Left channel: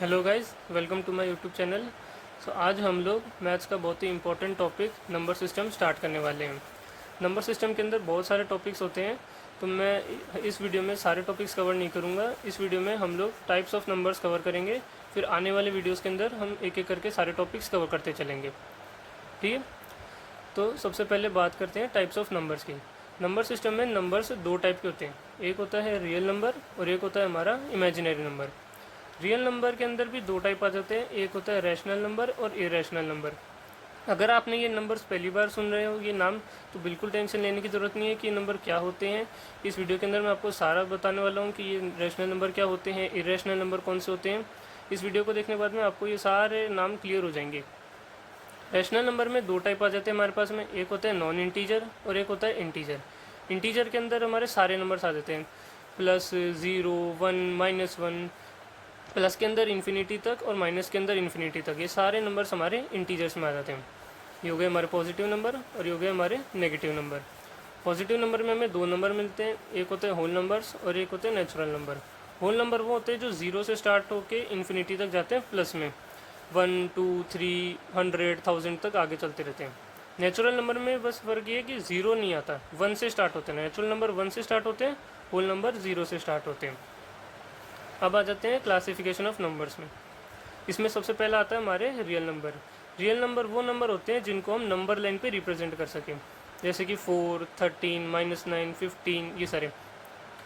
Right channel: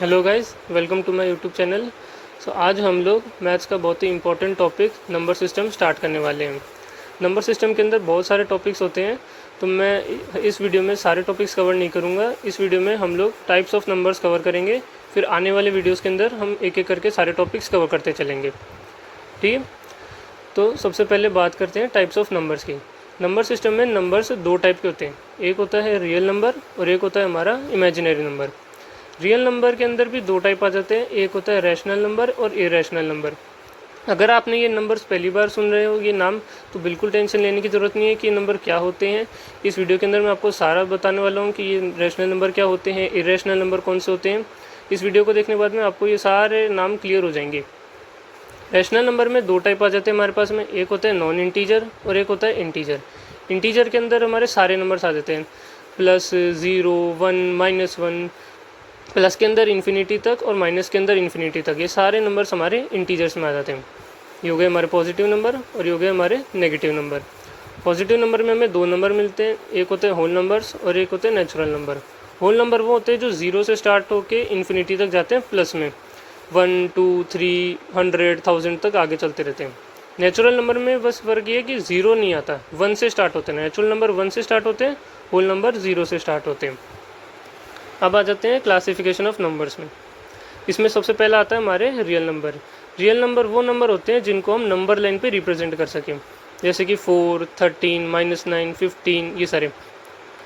Hello guys, welcome to my YouTube channel. आज हम लोग मैथ्स का बहुत ही important topic number system start करने वाले हैं। नंबर सिस्टम के अंदर बहुत सारे टॉपिक्स होते हैं, तो मैं इस वीडियो में सारे टॉपिक्स कवर नहीं करूँगा। इस वीडियो में हम लोग टाइप्स ऑफ नंबर्स कवर करेंगे, फिर आने वाले वीडियोज़ के अंदर हम एक एक करके सारे टॉपिक्स कवर करते चलेंगे। ठीक है, तो सबसे पहले बात करते हैं टाइप्स ऑफ नंबर्स की। नंबर सिस्टम में नंबर्स दो टाइप के होते हैं, एक होता है रियल नंबर और एक होता है हमारा इमेजिनरी नंबर। रियल नंबर के अंदर भी दो टाइप आ जाते हैं, एक होता है रैशनल नंबर और इरेशनल नंबर। अगर आपने ये नंबर्स पहली बार सुन रहे हो ये नाम, तो बिल्कुल टेंशन लेने की ज़रूरत नहीं है कि ये नंबर क्या होते हैं। इस वीडियो के अंदर मैं आपको सारा बताने वाला हूँ कि ये रैशनल नंबर क्या होते हैं, इरेशनल नंबर कौन से होते हैं। इस वीडियो को देखने के बाद में आपको ये सारे नाम क्लियर हो जाएंगे। रैशनल नंबर में दो टाइप आ जाते हैं हमारे पास में, एक होता है नॉन इंटीजर और एक होता है इंटीजर। इंटीजर के अंदर हमारे सारे नंबर्स आ जाते हैं, प्लस, ज़ीरो, वन, -1, प्लस के अंदर इन्फिनिटी तक और माइनस के अंदर इन्फिनिटी तक। ये सारे नंबर्स हमारे इंटीजर्स में आ जाते हैं। ये हो गए हमारे पॉजिटिव नंबर और ये हो गए हमारे नेगेटिव नंबर। पॉजिटिव नंबर में हमें दो नंबर मिलते हैं, एक होते हैं होल नंबर्स और एक होते हैं नेचुरल नंबर। होल नंबर वो होते हैं जो ज़ीरो से स्टार्ट होके इन्फिनिटी तक जाते हैं, प्लस में 1, 2, 3, 100, 1000 तक आगे चलते रहते हैं। नेचुरल नंबर में बस फ़र्क ये है कि ज़ीरो नहीं आता, वन से स्टार्ट होते हैं। नेचुरल नंबर वन से स्टार्ट होते हैं, होल नंबर ज़ीरो से स्टार्ट होते हैं। अब आ जाते हैं क्लासिफिकेशन ऑफ नंबर्स में। इसमें सबसे पहला आता है हमारे रियल नंबर। रियल नंबर वो नंबर होते हैं जिनको हम नंबर लाइन पे रिप्रेजेंट कर सकें, जैसे कि 4, 13, -9, 15, ये सारे।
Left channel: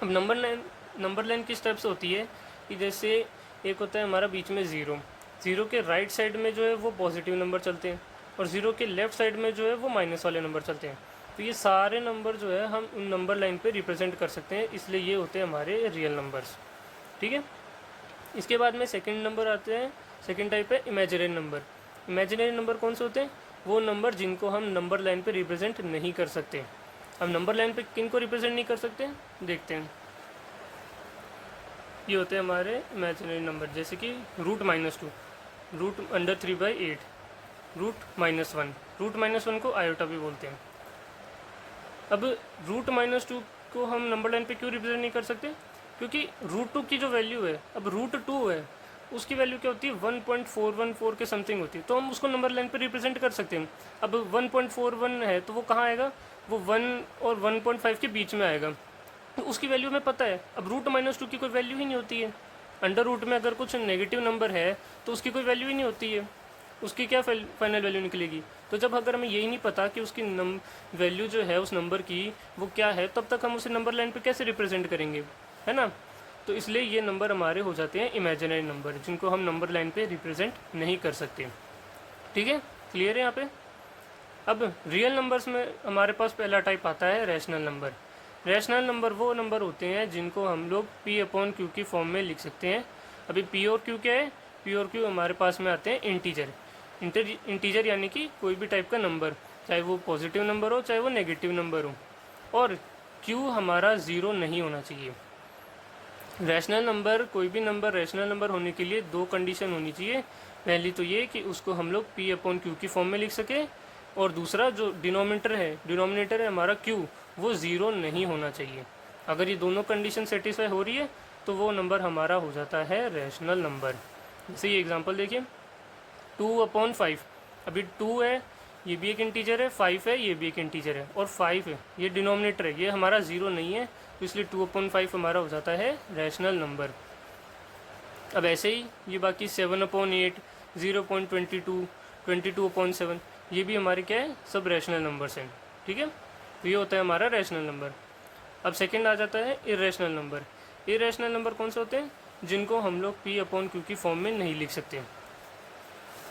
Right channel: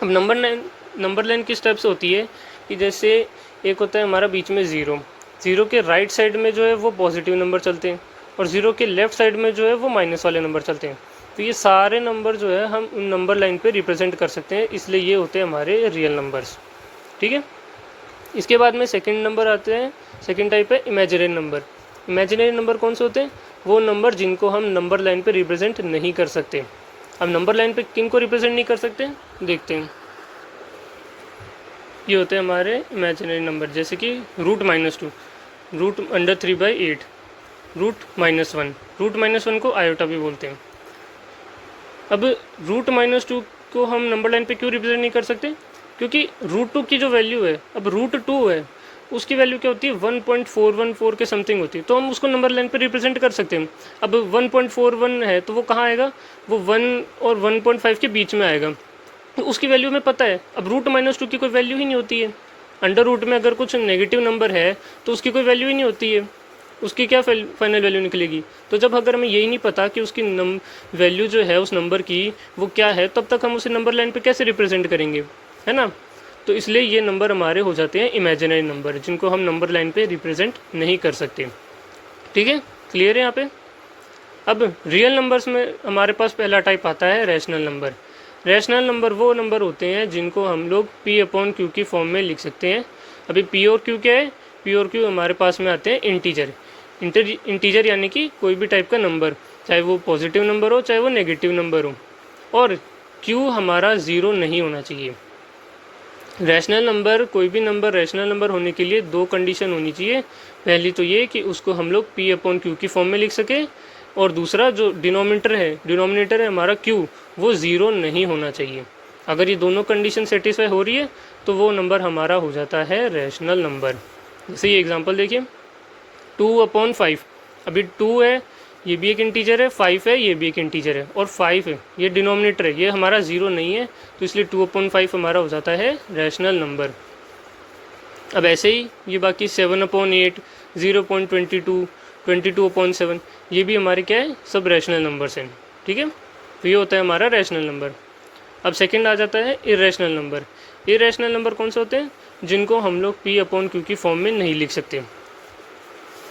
अब नंबर लाइन किस टाइप से होती है कि जैसे एक होता है हमारा बीच में ज़ीरो, ज़ीरो के राइट साइड में जो है वो पॉजिटिव नंबर चलते हैं और ज़ीरो के लेफ्ट साइड में जो है वो माइनस वाले नंबर चलते हैं। तो ये सारे नंबर जो है हम उन नंबर लाइन पे रिप्रेजेंट कर सकते हैं, इसलिए ये होते हैं हमारे रियल नंबर्स। ठीक है, इसके बाद में सेकंड नंबर आते हैं। सेकंड टाइप है इमेजिनरी नंबर। इमेजिनरी नंबर कौन से होते हैं? वो नंबर जिनको हम नंबर लाइन पे रिप्रेजेंट नहीं कर सकते। अब नंबर लाइन पे किन को रिप्रेजेंट नहीं कर सकते, देखते हैं। ये होते हैं हमारे इमेजिनरी नंबर, जैसे कि √-2, √3/8, √-1। √-1 को आयोटा भी बोलते हैं। अब √-2 को हम नंबर लाइन पे क्यों रिप्रेजेंट नहीं कर सकते? क्योंकि √2 की जो वैल्यू है, अब √2 है, उसकी वैल्यू क्या होती है? 1.414 के समथिंग होती है, तो हम उसको नंबर लाइन पे रिप्रेजेंट कर सकते हैं। अब 1.41 है तो वो कहाँ आएगा? वो 1 और 1.5 के बीच में आएगा, तो उसकी वैल्यू हमें पता है। अब √-2 की कोई वैल्यू ही नहीं होती है। अंडर रूट में अगर कुछ नेगेटिव नंबर है तो उसकी कोई वैल्यू ही नहीं होती है, उसकी क्या फाइनल वैल्यू निकलेगी? तो जब अगर हमें यही नहीं पता कि उसकी वैल्यू जो है उस नंबर की वो क्या है, तब तक हम उसे नंबर लाइन पे कैसे रिप्रेजेंट करेंगे, है ना? तो इसलिए ये नंबर हमारे हो जाते हैं इमेजिनरी नंबर, जिनको हम नंबर लाइन पे रिप्रेजेंट नहीं कर सकते। ठीक है, क्लियर है यहाँ पे? अब रियल नंबर्स में हमारे पास पहला टाइप आता है रैशनल नंबर। रैशनल नंबर वो नंबर होते हैं जिनको हम लोग P/Q की फॉर्म में लिख सकते हैं। अभी P और Q क्या है? P और Q हमारे पास में आते हैं इंटीजर। इंटीजर यानी कि कोई भी टाइप का नंबर, चाहे वो पॉजिटिव नंबर हो चाहे वो नेगेटिव नंबर हो, और Q हमारा ज़ीरो नहीं होना चाहिए। रैशनल नंबर, कोई भी नंबर रैशनल नंबर होने के लिए दो कंडीशन होनी चाहिए। पहली तो ये कि उसको हम लोग P/Q की फॉर्म में लिख सकें, और दूसरा जो डिनोमिनेटर है हमारा Q, वो ज़ीरो नहीं होना चाहिए। अगर ये दोनों कंडीशन सेटिस्फाई हो रही है तो वो नंबर हमारा हो जाता है रैशनल नंबर। जैसे ये एग्जांपल देखिए, 2/5। अभी 2 है, ये भी एक इंटीजर है, 5 है, ये भी एक इंटीजर है, और 5 है, ये डिनोमिनेटर है, ये हमारा ज़ीरो नहीं है, तो इसलिए 2/5 हमारा हो जाता है रैशनल नंबर। अब ऐसे ही ये बाकी 7/8, 0.22, 22/7, ये भी हमारे क्या है, सब रैशनल नंबर्स हैं। ठीक है, तो ये होता है हमारा रैशनल नंबर। अब सेकंड आ जाता है इरेशनल नंबर। इरेशनल नंबर कौन से होते हैं? जिनको हम लोग P/Q की फॉर्म में नहीं लिख सकते,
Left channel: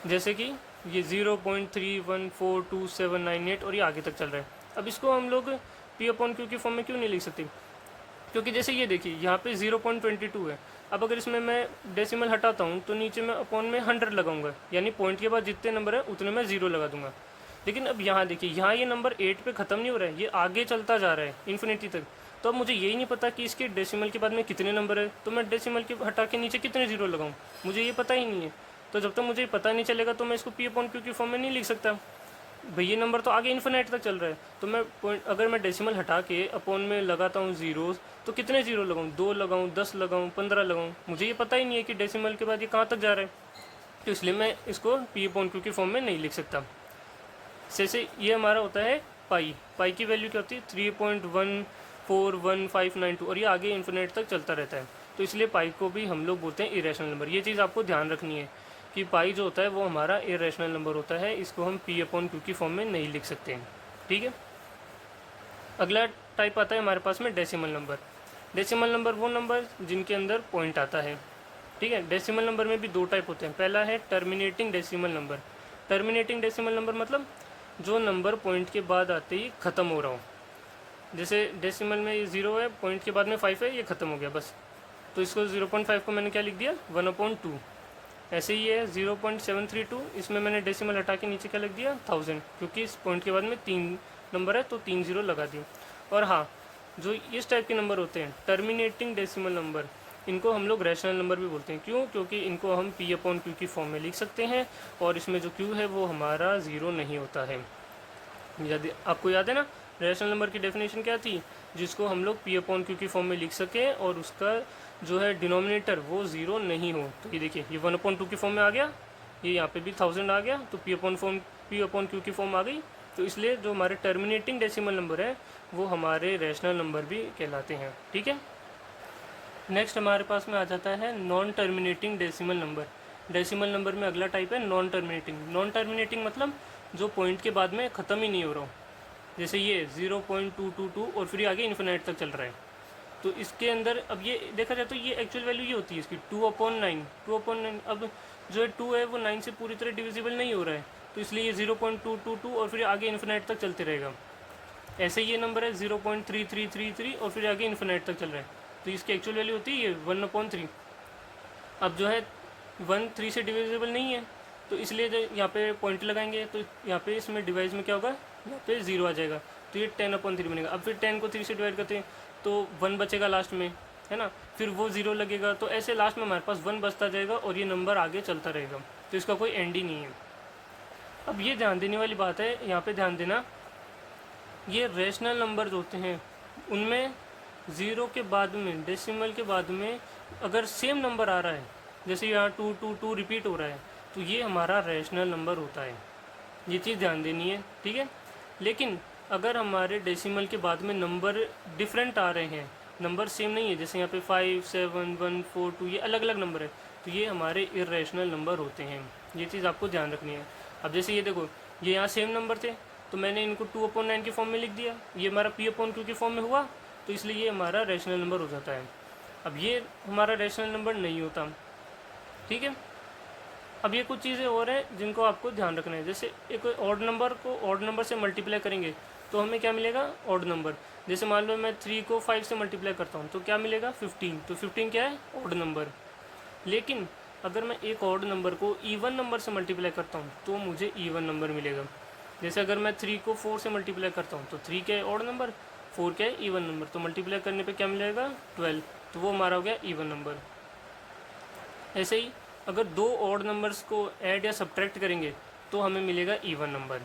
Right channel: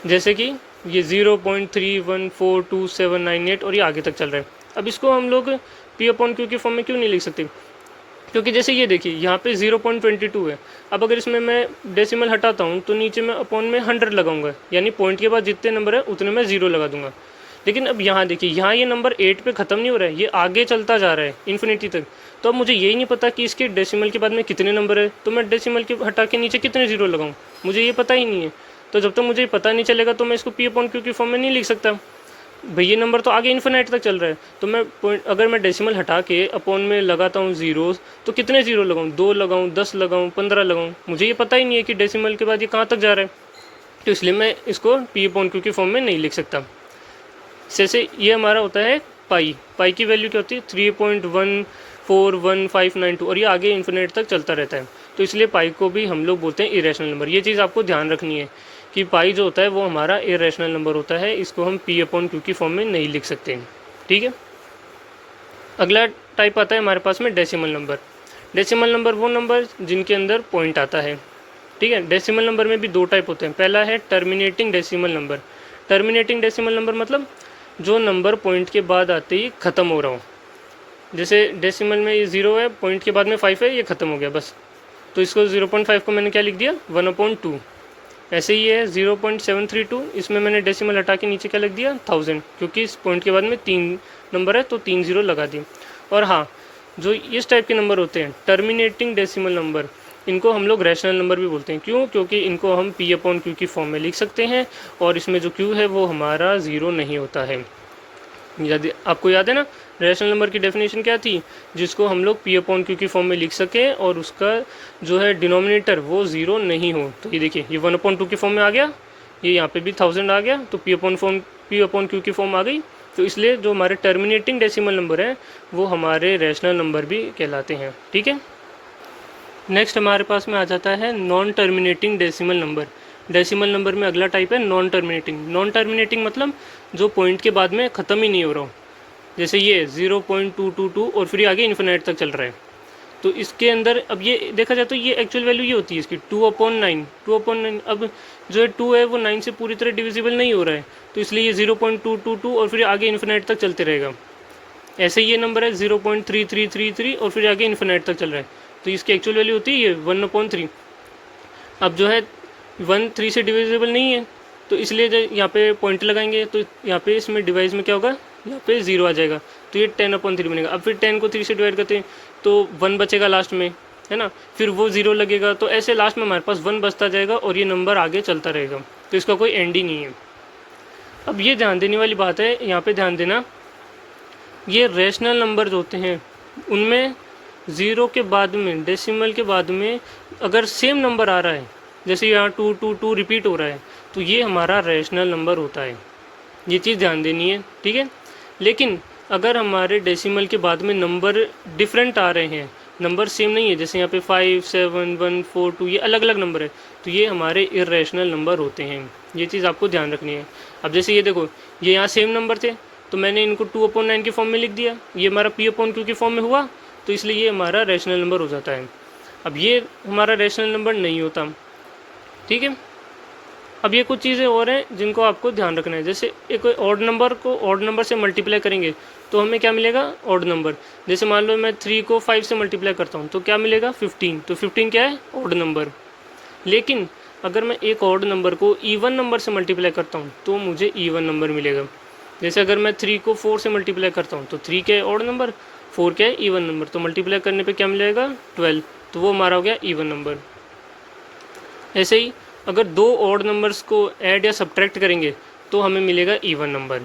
जैसे कि ये 0.314278 और ये आगे तक चल रहा है। अब इसको हम लोग P/Q की फॉर्म में क्यों नहीं लिख सकते? क्योंकि जैसे ये देखिए, यहाँ पे 0.22 है। अब अगर इसमें मैं डेसिमल हटाता हूँ तो नीचे मैं अपॉन में 100 लगाऊंगा, यानी पॉइंट के बाद जितने नंबर है उतने में ज़ीरो लगा दूंगा। लेकिन अब यहाँ देखिए, यहाँ ये नंबर 8 पे ख़त्म नहीं हो रहा है, ये आगे चलता जा रहा है इन्फिनिटी तक। तो अब मुझे यही नहीं पता कि इसके डेसिमल के बाद में कितने नंबर है, तो मैं डेसिमल के हटा के नीचे कितने ज़ीरो लगाऊँ, मुझे ये पता ही नहीं है। तो जब तक मुझे पता नहीं चलेगा तो मैं इसको P/Q की फॉर्म में नहीं लिख सकता। भाई ये नंबर तो आगे इन्फिनाइट तक चल रहा है, तो मैं पॉइंट अगर मैं डेसिमल हटा के अपॉन में लगाता हूँ ज़ीरोज़, तो कितने ज़ीरो लगाऊँ, 2 लगाऊँ, 10 लगाऊँ, 15 लगाऊँ, मुझे ये पता ही नहीं है कि डेसिमल के बाद ये कहाँ तक जा रहा है, तो इसलिए मैं इसको पी अपॉन क्यू की फॉर्म में नहीं लिख सकता। जैसे ये हमारा होता है पाई की वैल्यू क्या होती है 3.141592, और ये आगे इन्फिनिट तक चलता रहता है, तो इसलिए पाई को भी हम लोग बोलते हैं इरेशनल नंबर। ये चीज़ आपको ध्यान रखनी है कि पाई जो होता है वो हमारा इरेशनल नंबर होता है, इसको हम पी अपॉन क्यू की फॉर्म में नहीं लिख सकते हैं, ठीक है। अगला टाइप आता है हमारे पास में डेसिमल नंबर। डेसिमल नंबर वो नंबर जिनके अंदर पॉइंट आता है, ठीक है। डेसिमल नंबर में भी दो टाइप होते हैं। पहला है terminating decimal number. Terminating decimal number मतलब जो नंबर पॉइंट के बाद आते ही ख़त्म हो रहा हो। जैसे डेसिमल में ये 0 है, पॉइंट के बाद में 5 है, ये ख़त्म हो गया बस, तो इसको 0.5 को मैंने क्या लिख दिया 1/2। ऐसे ही है 0.732, इसमें मैंने डेसिमल हटा के नीचे क्या लिख दिया 1000, क्योंकि इस पॉइंट के बाद में 3 नंबर है तो 3 0 लगा दिए। और हाँ, जो इस टाइप के नंबर होते हैं टर्मिनेटिंग डेसिमल नंबर, इनको हम लोग रैशनल नंबर भी बोलते हैं। क्यों? क्योंकि इनको हम पी अपॉन क्यू की फॉर्म में लिख सकते हैं, और इसमें जो क्यू है वो हमारा 0 नहीं होता है। यदि आपको याद है ना रैशनल नंबर की डेफिनेशन क्या थी, जिसको हम लोग पी अपॉन क्यू की फॉर्म में लिख सकें और उसका जो है डिनोमिनेटर वो 0 नहीं हो। तो ये देखिए, ये 1/2 की फॉर्म में आ गया, ये यहाँ पे भी 1000 आ गया, तो पी अपॉन क्यू की फॉर्म आ गई। तो इसलिए जो हमारे टर्मिनेटिंग डेसिमल नंबर है वो हमारे रैशनल नंबर भी कहलाते हैं, ठीक है। नेक्स्ट हमारे पास में आ जाता है non terminating decimal number. Decimal number में अगला टाइप है नॉन टर्मिनेटिंग। नॉन टर्मिनेटिंग मतलब जो पॉइंट के बाद में ख़त्म ही नहीं हो रहा हो। जैसे ये 0.222 और फिर आगे इन्फिनाइट तक चल रहा है, तो इसके अंदर अब ये देखा जाए तो ये एक्चुअल वैल्यू ये होती है इसकी 2/9। 2/9 अब जो है 2 है वो 9 से पूरी तरह डिविजिबल नहीं हो रहा है, तो इसलिए ये 0.222 और फिर आगे इन्फिनाइट तक चलते रहेगा। ऐसे ये नंबर है 0.3333 और फिर आगे इन्फिनाइट तक चल रहा है, तो इसकी एक्चुअल वैल्यू होती है ये 1/3। अब जो है 1 3 से डिविजिबल नहीं है, तो इसलिए जो यहाँ पे पॉइंट लगाएंगे तो यहाँ पे इसमें डिवाइस में क्या होगा, यहाँ पे 0 आ जाएगा, तो ये 10/3 बनेगा। अब फिर 10 को 3 से डिवाइड करते हैं तो 1 बचेगा लास्ट में, है ना, फिर वो 0 लगेगा, तो ऐसे लास्ट में हमारे पास 1 बचता जाएगा और ये नंबर आगे चलता रहेगा, तो इसका कोई एंड ही नहीं है। अब ये ध्यान देने वाली बात है, यहाँ पे ध्यान देना, ये रैशनल नंबर जो होते हैं उनमें 0 के बाद में डेसिमल के बाद में अगर सेम नंबर आ रहा है, जैसे यहाँ 222 रिपीट हो रहा है, तो ये हमारा रैशनल नंबर होता है। ये चीज़ ध्यान देनी है, ठीक है। लेकिन अगर हमारे डेसिमल के बाद में नंबर डिफरेंट आ रहे हैं, नंबर सेम नहीं है, जैसे यहाँ पे 5 7 1 4 2 ये अलग अलग नंबर है, तो ये हमारे इरेशनल नंबर होते हैं। ये चीज़ आपको ध्यान रखनी है। अब जैसे ये देखो, ये यहाँ सेम नंबर थे, तो मैंने इनको 2/9 की फॉर्म में लिख दिया, ये हमारा पी अपॉन क्यू की फॉर्म में हुआ, तो इसलिए ये हमारा रैशनल नंबर हो जाता है। अब ये हमारा रैशनल नंबर नहीं होता, ठीक है। अब ये कुछ चीज़ें और हैं जिनको आपको ध्यान रखना है। जैसे एक ऑड नंबर को ऑड नंबर से मल्टीप्लाई करेंगे तो हमें क्या मिलेगा, ऑड नंबर। जैसे मान लो मैं 3 को 5 से मल्टीप्लाई करता हूँ तो क्या मिलेगा 15, तो 15 क्या है, ऑड नंबर। लेकिन अगर मैं एक ऑड नंबर को ईवन नंबर से मल्टीप्लाई करता हूँ तो मुझे ईवन नंबर मिलेगा। जैसे अगर मैं 3 को 4 से मल्टीप्लाई करता हूँ तो 3 क्या है, ऑड नंबर, 4 क्या है, ईवन नंबर, तो मल्टीप्लाई करने पे क्या मिलेगा 12, तो वो हमारा हो गया ईवन नंबर। ऐसे ही अगर दो ऑड नंबर्स को ऐड या सब्ट्रैक्ट करेंगे तो हमें मिलेगा ईवन नंबर।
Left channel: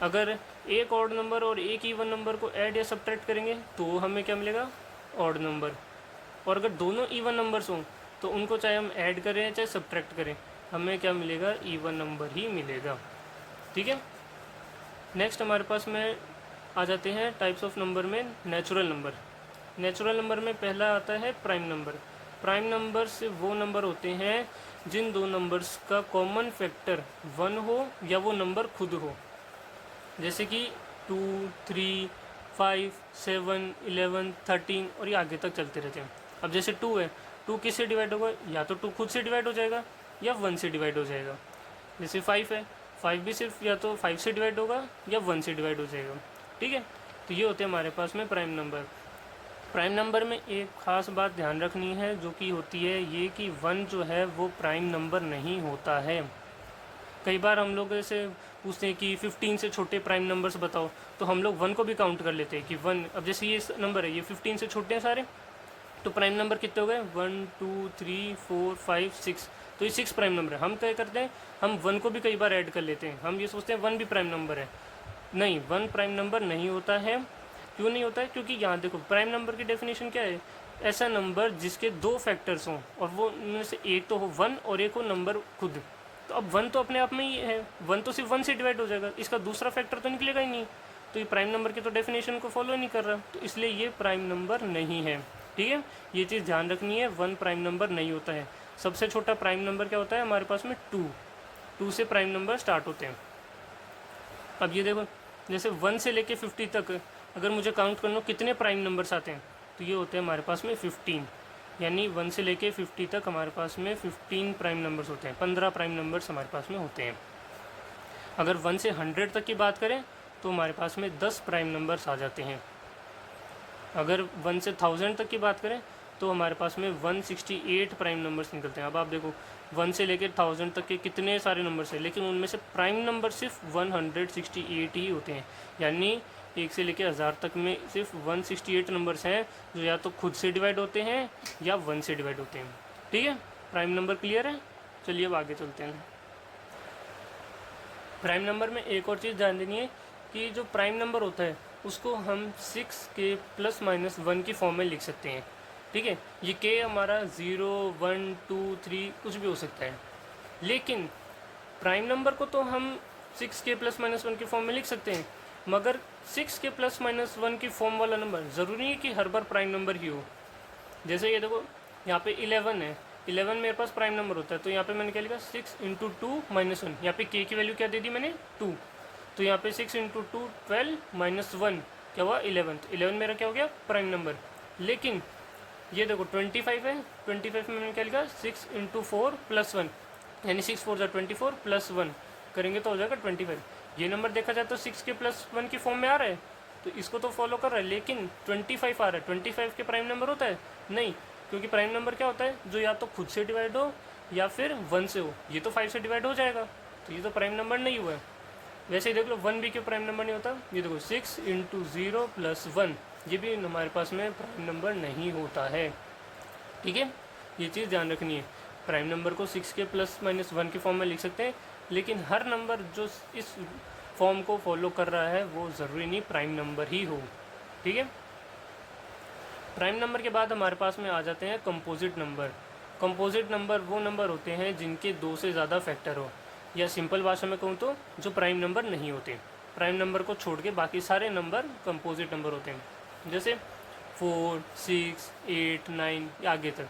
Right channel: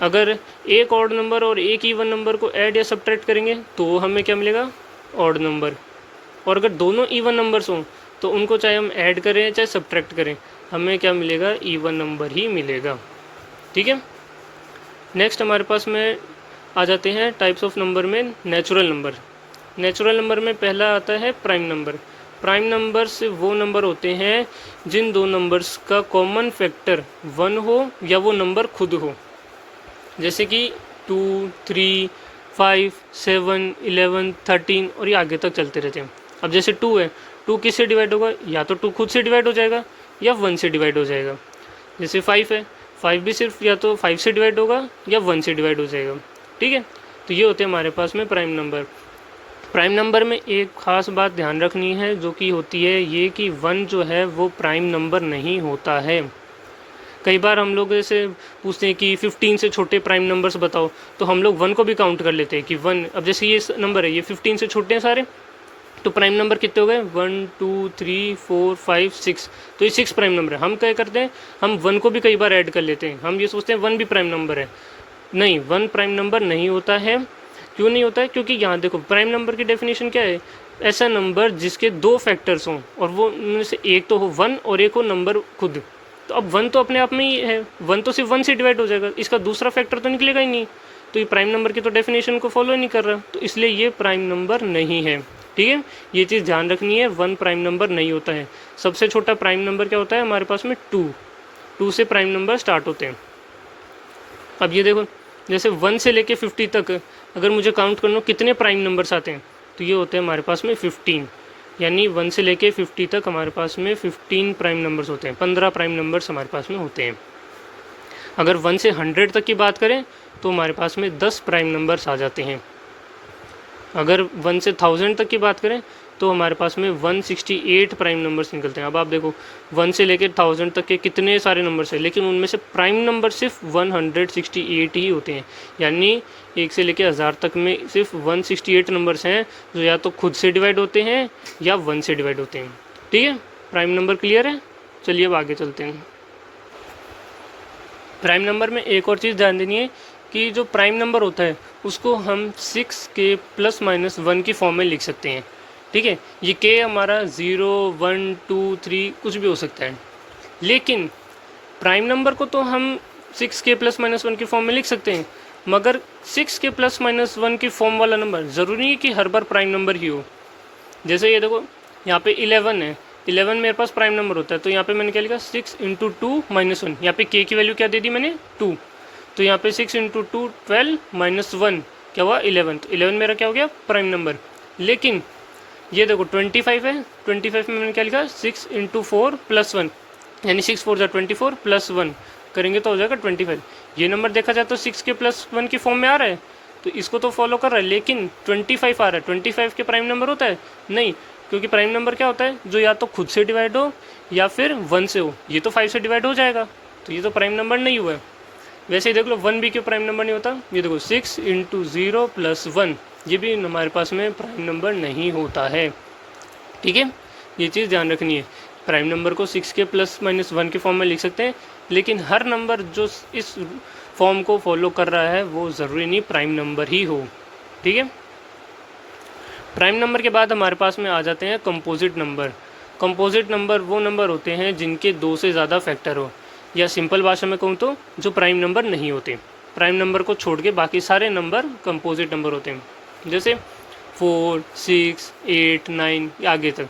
अगर एक ऑड नंबर और एक ईवन नंबर को ऐड या सब्ट्रैक्ट करेंगे तो हमें क्या मिलेगा, ऑड नंबर। और अगर दोनों ईवन नंबर्स हों तो उनको चाहे हम ऐड करें चाहे सब्ट्रैक्ट करें, हमें क्या मिलेगा, ईवन नंबर ही मिलेगा, ठीक है। नेक्स्ट हमारे पास में आ जाते हैं टाइप्स ऑफ नंबर में नेचुरल नंबर। नेचुरल नंबर में पहला आता है प्राइम नंबर। प्राइम नंबर्स वो नंबर होते हैं जिन दो नंबर्स का कॉमन फैक्टर 1 हो या वो नंबर खुद हो। जैसे कि 2 3 5 7 11 13 और ये आगे तक चलते रहते हैं। अब जैसे 2 है, 2 किससे डिवाइड होगा, या तो 2 खुद से डिवाइड हो जाएगा या 1 से डिवाइड हो जाएगा। जैसे 5 है, 5 भी सिर्फ या तो 5 से डिवाइड होगा या 1 से डिवाइड हो जाएगा, ठीक है। तो ये होते हैं हमारे पास में प्राइम नंबर। प्राइम नंबर में एक ख़ास बात ध्यान रखनी है जो कि होती है ये कि 1 जो है वो प्राइम नंबर नहीं होता है। कई बार हम लोग ऐसे पूछते हैं कि 15 से छोटे प्राइम नंबर्स बताओ, तो हम लोग 1 को भी काउंट कर लेते हैं कि 1, अब जैसे ये नंबर है ये 15 से छोटे हैं सारे, तो प्राइम नंबर कितने हो गए, 1 2 3 4 5 6, तो ये 6 प्राइम नंबर है। हम क्या करते हैं, हम 1 को भी कई बार ऐड कर लेते हैं, हम ये सोचते हैं 1 भी प्राइम नंबर है। नहीं, 1 प्राइम नंबर नहीं होता है। क्यों नहीं होता है, क्योंकि यहाँ देखो प्राइम नंबर की डेफिनेशन क्या है, ऐसा नंबर जिसके 2 फैक्टर्स हों और वो उनमें से एक तो हो 1 और एक हो नंबर खुद। तो अब 1 तो अपने आप में ही है, 1 तो सिर्फ 1 से डिवाइड हो जाएगा, इसका दूसरा फैक्टर तो निकलेगा ही नहीं, तो ये प्राइम नंबर की तो डेफिनेशन को फॉलो नहीं कर रहा, तो इसलिए ये प्राइम नंबर नहीं है। ठीक है, ये चीज़ ध्यान रखनी है, 1 प्राइम नंबर नहीं होता है। सबसे छोटा प्राइम नंबर क्या होता है हमारे पास में, 2 से प्राइम नंबर स्टार्ट होते हैं। अब ये देखो, जैसे 1 से लेके 50 तक अगर मुझे काउंट करना हो कितने प्राइम नंबर्स आते हैं, तो ये होते हैं हमारे पास में 15, यानी 1 से लेके 50 तक हमारे पास में 15 प्राइम नंबर्स होते हैं, 15 प्राइम नंबर्स हमारे पास में होते हैं। अगर 1 से 100 तक की बात करें तो हमारे पास में 10 प्राइम नंबर्स आ जाते हैं। अगर 1 से 1000 तक की बात करें तो हमारे पास में 168 प्राइम नंबर्स निकलते हैं। अब आप देखो 1 से लेकर 1000 तक के कितने सारे नंबर्स हैं, लेकिन उनमें से प्राइम नंबर सिर्फ 168 ही होते हैं, यानी 1 से लेकर 1000 तक में सिर्फ 168 नंबर्स हैं जो या तो खुद से डिवाइड होते हैं या 1 से डिवाइड होते हैं। ठीक है, प्राइम नंबर क्लियर है। चलिए अब आगे चलते हैं। प्राइम नंबर में एक और चीज़ ध्यान देनी है कि जो प्राइम नंबर होता है उसको हम 6 के +-1 की फॉर्म में लिख सकते हैं। ठीक है, ये के हमारा 0 1 2 3 कुछ भी हो सकता है, लेकिन प्राइम नंबर को तो हम 6 के +-1 की फॉर्म में लिख सकते हैं, मगर 6 के +-1 की फॉर्म वाला नंबर ज़रूरी नहीं कि हर बार प्राइम नंबर ही हो। जैसे ये देखो यहाँ पे 11 है, 11 मेरे पास प्राइम नंबर होता है, तो यहाँ पे मैंने क्या लिखा 6 × 2 -1, यहाँ पे के की वैल्यू क्या दे दी मैंने 2, तो यहाँ पे 6 × 2 12 -1 क्या हुआ 11, तो 11 मेरा क्या हो गया प्राइम नंबर। लेकिन ये देखो 25 है, 25 में मैंने क्या लिखा 6 × 4 +1, यानी 6 4 24 +1 करेंगे तो हो जाएगा 25। ये नंबर देखा जाए तो 6 के +1 की फॉर्म में आ रहा है, तो इसको तो फॉलो कर रहा है, लेकिन 25 आ रहा है, 25 के प्राइम नंबर होता है नहीं, क्योंकि प्राइम नंबर क्या होता है जो या तो खुद से डिवाइड हो या फिर 1 से हो, ये तो 5 से डिवाइड हो जाएगा, तो ये तो प्राइम नंबर नहीं हुआ है। वैसे ही देख लो 1 भी क्यों प्राइम नंबर नहीं होता, ये देखो 6 × 0 + 1, ये भी हमारे पास में प्राइम नंबर नहीं होता है। ठीक है, ये चीज़ ध्यान रखनी है, प्राइम नंबर को 6 के +-1 के फॉर्म में लिख सकते हैं, लेकिन हर नंबर जो इस फॉर्म को फॉलो कर रहा है वो ज़रूरी नहीं प्राइम नंबर ही हो। ठीक है, प्राइम नंबर के बाद हमारे पास में आ जाते हैं कंपोजिट नंबर। कंपोजिट नंबर वो नंबर होते हैं जिनके 2 से ज़्यादा फैक्टर हो, या सिंपल भाषा में कहूँ तो जो प्राइम नंबर नहीं होते। प्राइम नंबर को छोड़ के बाकी सारे नंबर कंपोजिट नंबर होते हैं, जैसे 4 6 8 9 आगे तक।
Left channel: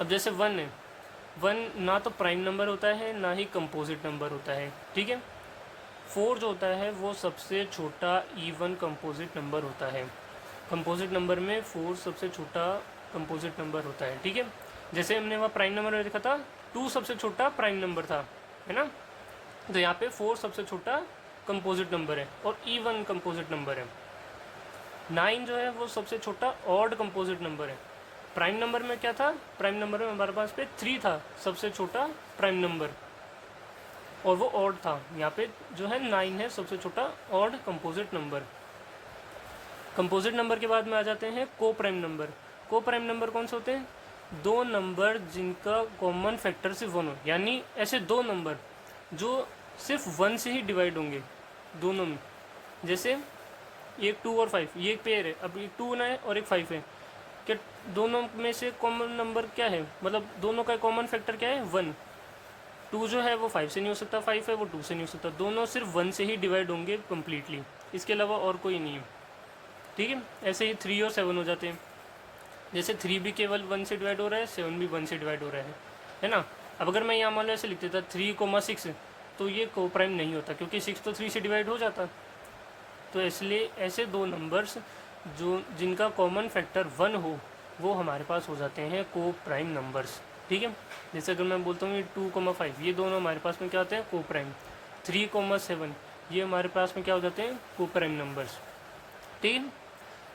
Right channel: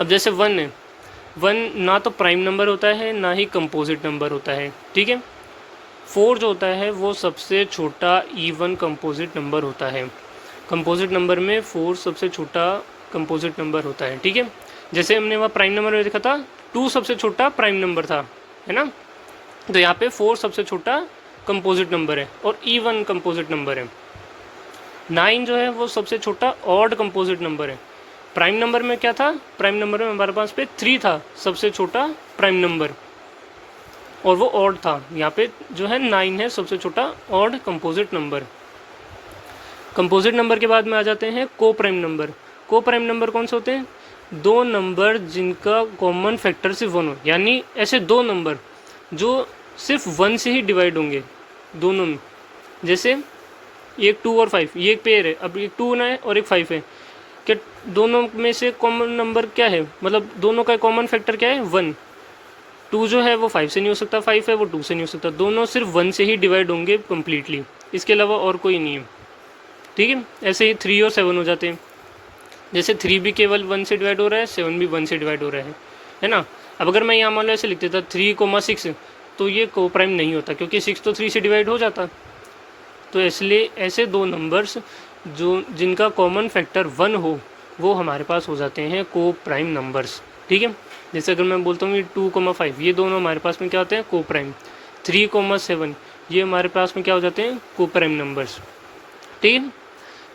अब जैसे 1 है, 1 ना तो प्राइम नंबर होता है ना ही कंपोजिट नंबर होता है। ठीक है, 4 जो होता है वो सबसे छोटा इवन कंपोजिट नंबर होता है। कंपोजिट नंबर में 4 सबसे छोटा कंपोजिट नंबर होता है। ठीक है, जैसे हमने वहाँ प्राइम नंबर में देखा था 2 सबसे छोटा प्राइम नंबर था, है ना, तो यहाँ पे 4 सबसे छोटा कंपोजिट नंबर है और इवन कंपोजिट नंबर है। 9 जो है वो सबसे छोटा ऑड कंपोजिट नंबर है। प्राइम नंबर में क्या था, प्राइम नंबर में हमारे पास पे 3 था सबसे छोटा प्राइम नंबर, और वो ऑड था। यहाँ पे जो है 9 है सबसे छोटा odd composite number. Composite number के बाद में आ जाते हैं को प्राइम नंबर। को प्राइम नंबर कौन से होते हैं, 2 नंबर जिनका कॉमन फैक्टर सिर्फ 1 हो, यानी ऐसे 2 नंबर जो सिर्फ 1 से ही डिवाइड होंगे दोनों में। जैसे एक 2 और 5, ये एक पेयर है, अब एक 2 है और एक 5 है, कि दोनों में से कॉमन नंबर क्या है, मतलब दोनों का कॉमन फैक्टर क्या है 1। 2 जो है वो 5 से नहीं हो सकता, 5 है वो 2 से नहीं हो सकता, दोनों सिर्फ 1 से ही डिवाइड होंगे कम्प्लीटली, इसके अलावा और कोई नहीं है। ठीक है, ऐसे ही 3 और 7 हो जाते हैं। जैसे 3 भी केवल 1 से डिवाइड हो रहा है, 7 भी 1 से डिवाइड हो रहा है ना। अब अगर मैं यहाँ मान लो ऐसे लिख देता 3,6, तो ये को प्राइम नहीं होता, क्योंकि 6 तो 3 से डिवाइड हो जाता। तो इसलिए ऐसे 2 नंबर्स जो जिनका कॉमन फैक्टर 1 हो वो हमारे पास हो जाते हैं को प्राइम नंबर्स। ठीक है, जैसे अगर मैं बोलता हूँ ये 2,5, ये दोनों हमारे पास में क्या होते हैं को प्राइम। 3,7 ये हमारे पास में क्या हो जाते हैं को प्राइम नंबर्स। ठीक है,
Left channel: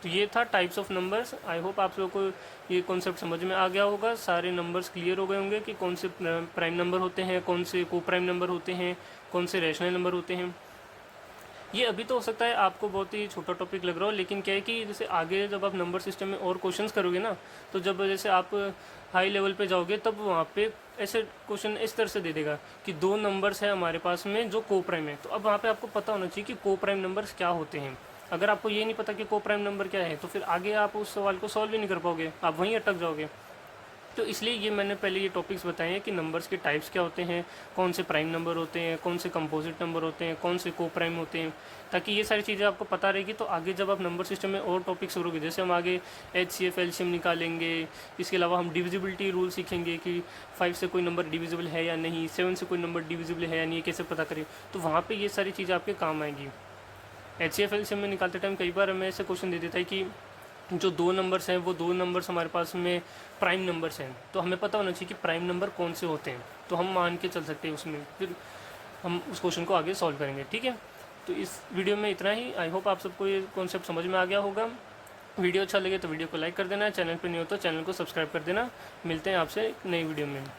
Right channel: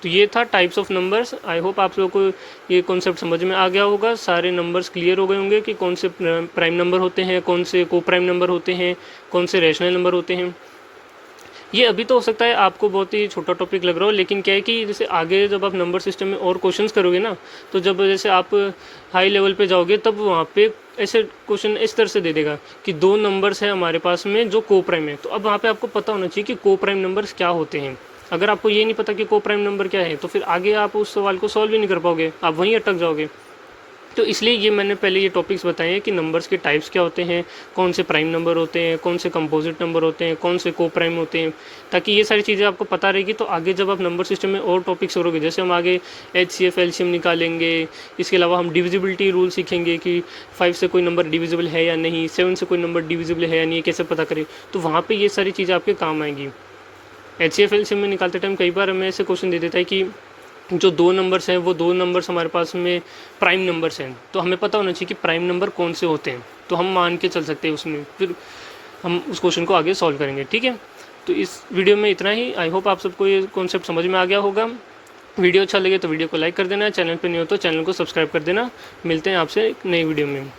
तो ये था types of numbers. I hope आप लोगों को ये कॉन्सेप्ट समझ में आ गया होगा, सारे नंबर्स क्लियर हो गए होंगे कि कौन से प्राइम नंबर होते हैं, कौन से को प्राइम नंबर होते हैं, कौन से रैशनल नंबर होते हैं। ये अभी तो हो सकता है आपको बहुत ही छोटा टॉपिक लग रहा हो, लेकिन क्या है कि जैसे आगे जब आप नंबर सिस्टम में और क्वेश्चंस करोगे ना, तो जब जैसे आप हाई लेवल पे जाओगे तब वहाँ पे ऐसे क्वेश्चन इस तरह से दे देगा कि दो नंबर्स हैं हमारे पास में जो को प्राइम है, तो अब वहाँ पे आपको पता होना चाहिए कि को प्राइम नंबर्स क्या होते हैं। अगर आपको ये नहीं पता कि को प्राइम नंबर क्या है, तो फिर आगे आप उस सवाल को सॉल्व ही नहीं कर पाओगे, आप वहीं अटक जाओगे। तो इसलिए ये मैंने पहले ये टॉपिक्स बताए हैं कि नंबर्स के टाइप्स क्या होते हैं, कौन से प्राइम नंबर होते हैं, कौन से कंपोजिट नंबर होते हैं, कौन से को प्राइम होते हैं, ताकि ये सारी चीज़ें आपको पता रहेगी। तो आगे जब आप नंबर सिस्टम में और टॉपिक्स करोगे, जैसे हम आगे HCF एलसीएम निकालेंगे, इसके अलावा हम डिविजिबिलिटी रूल सीखेंगे कि 5 से कोई नंबर डिविजिबल है या नहीं, 7 से कोई नंबर डिविजिबल है या नहीं, कैसे पता करें, तो वहाँ पर ये सारी चीज़ें आपके काम आएंगी। HCF एलसीएम में निकालते टाइम कई बार हमें ऐसे क्वेश्चन दे देता है कि जो दो नंबर्स हैं वो दो नंबर्स हमारे पास में प्राइम नंबर्स हैं, तो हमें पता होना चाहिए कि प्राइम नंबर कौन से होते हैं, तो हम मान के चल सकते हैं उसमें, फिर हम उस क्वेश्चन को आगे सॉल्व करेंगे। ठीक है, तो इस वीडियो में इतना ही। आई होप आप सबको ये कॉन्सेप्ट समझ में आ गया होगा। वीडियो अच्छा लगे तो वीडियो को लाइक कर देना, चैनल पर नहीं हो तो चैनल को सब्सक्राइब कर देना। मिलते हैं आपसे एक नई वीडियो में।